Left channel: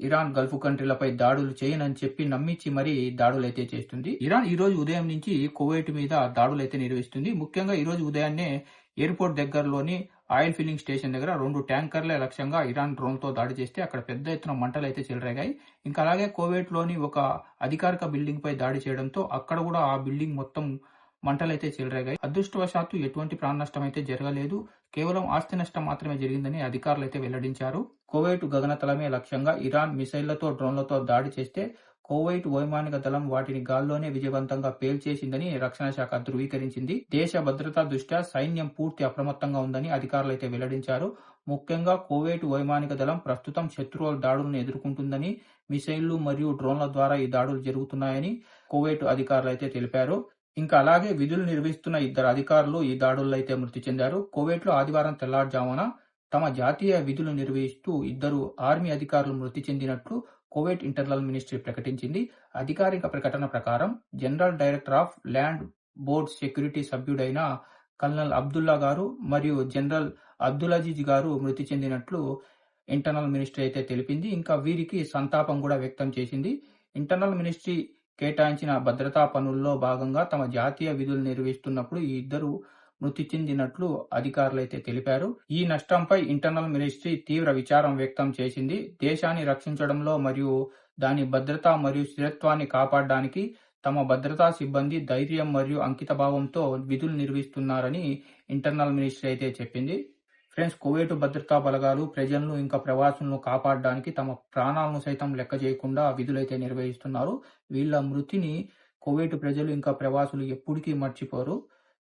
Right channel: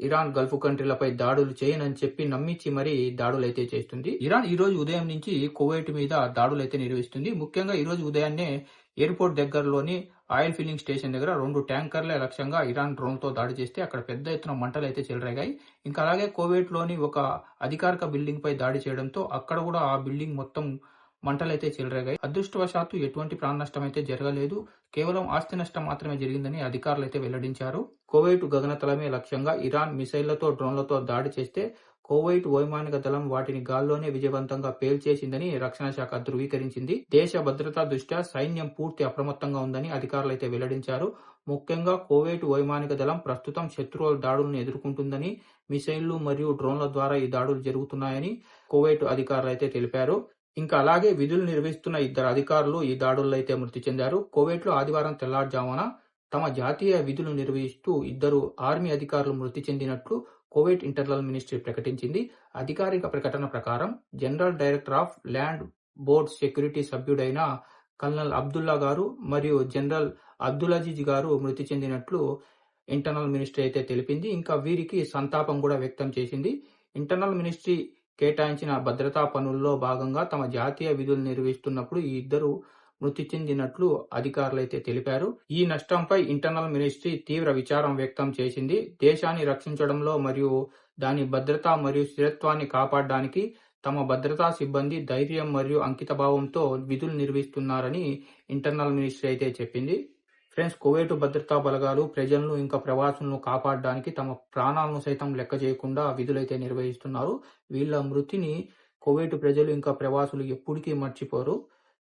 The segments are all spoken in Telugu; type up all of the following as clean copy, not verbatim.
ఇరాన్ గల్ఫ్ కంట్రీలపై దాడులు చేయనని చెప్పి నమ్మించి మరీ దాడులైతే చేస్తుంది. ఇరాన్ ఈ రోజు ఉదయం నుంచి కువైట్ మీద దాడులైతే నిర్వహిస్తుంది. ముఖ్యంగా ఈ రోజు ఉదయాన్నే ఎయిర్‌పోర్ట్ దగ్గరలోని ఆయిల్ ఫిల్లింగ్ స్టేషన్ దగ్గర 2 ట్యాంకర్‌లే లక్ష్యంగా ఇరాన్ డ్రోన్‌తో దాడి చేస్తే అక్కడ పెద్ద ఎత్తున మంటలైతే చెలరేగాయి. ఇంకా అలాగే కువైట్‌లోని ఒక అధికారిక బిల్డింగ్‌పై దాడి చేయడంతో అక్కడ కూడా ఆ బిల్డింగ్ మొత్తం మంటలైతే చెలరేగాయి. అదృష్టవశాత్తు ఎటువంటి ప్రాణ నష్టం అయితే జరగలేదు. కేవలం ఆస్తి నష్టం మాత్రమే జరిగిందని అధికారులైతే వెల్లడించారు. కువైట్ గగనతలమే లక్ష్యంగా ఇరాన్ మిసైళ్లతో, డ్రోన్లతో దాడి చేస్తే కువైట్ వైమానిక దళం వాటిని గాల్లోనే విజయవంతంగా పేల్చేసిందని రక్షణ శాఖ ధృవీకరించింది. దేశ భద్రతా దృష్ట్యా సైన్యం పూర్తి అప్రమత్తంగా ఉందని అధికారులైతే వెల్లడించారు. ముఖ్యంగా కువైట్ వైమానిక దళం ప్రస్తుతం శత్రువుల దాడులను ఎదుర్కొంటుందని, మిసైళ్లు మరియు డ్రోన్ల ద్వారా ఈ దాడులు జరుగుతున్నాయని కువైట్ అధికారులైతే తెలిపారు. ఇంకా అలాగే విధులు నిర్వహిస్తున్న ఇద్దరు అధికారులు ఈ దాడుల్లో అయితే మృతి చెందారు. కువైట్‌లో ఆదివారం తెల్లవారుజామున తమ జాతీయ విధులు నిర్వహిస్తూ ఇద్దరు ఆర్మీ అధికారులు మృతి చెందినట్లు కువైట్ ఇంటర్నల్ మినిస్ట్రీ ప్రకటించింది. అధికారిక ప్రకటన ప్రకారం general director of land board security సభ్యుడైన కల్నల్ అబ్దుల్లా గారు మరియు జనరల్ అబ్దులజీజ్ గారు మృతి చెందినట్లు ఇంటర్నల్ మినిస్ట్రీ అయితే తెలిపింది. ఇంకా వీరికి సంతాపం కూడా వ్యక్తం చేసింది. ఇంటర్నల్ మినిస్ట్రీ కేటాయించిన భద్రతా పనుల్లో భాగంగా తమ జాతీయ విధులు నిర్వహిస్తున్నప్పుడు ఈ ఇద్దరు మృతి చెందినట్లు అధికారులైతే తెలిపారు. ఈ నష్టంపై ఇంటర్నల్ మినిస్ట్రీ తీవ్ర విచారం వ్యక్తం చేసింది. దేశాన్ని రక్షించడంలో మరియు దాని భద్రత మరియు స్థిరత్వాన్ని కాపాడడానికి తమ భద్రతా సిబ్బంది ధైర్యం మరియు అంకితభావంతో విధులు నిర్వహిస్తున్నారని ఇంటర్నల్ మినిస్ట్రీ అయితే చెప్పింది. ఫ్రెండ్స్, కువైట్ భద్రతా బలగాలు ప్రజలను ఇంకా ప్రవాసులను కాపాడడానికి తమ ప్రాణాలను సైతం లెక్క చేయకుండా విధులైతే నిర్వహిస్తున్నారు. వీళ్ళ మృతిని కువైట్ ప్రజలు ఇంకా ప్రవాసులు ఎప్పటికీ మర్చిపోరు.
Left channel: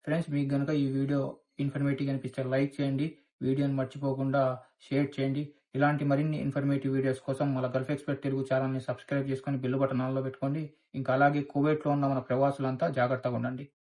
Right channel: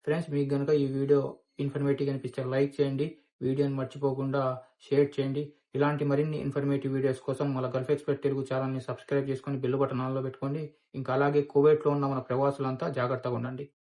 ఫ్రెండ్స్, మీకు గనుక ఈ వీడియో ఇన్ఫర్మేటివ్ అనిపిస్తే లైక్ చేయండి. వీడియోని మర్చిపోకుండా షేర్ చేయండి. ఇలాంటి మరిన్ని ఇన్ఫర్మేటివ్ వీడియోస్ కోసం మన గల్ఫ్ ఎక్స్పర్ట్ తెలుగు ఛానల్ని సబ్స్క్రైబ్ చేసుకొని బెల్ బటన్ ఆన్లో పెట్టుకోండి. ఇంకా అలాగే కువైట్‌లో ఉన్న మన ప్రవాసులంతా జాగ్రత్తగా ఉండండి.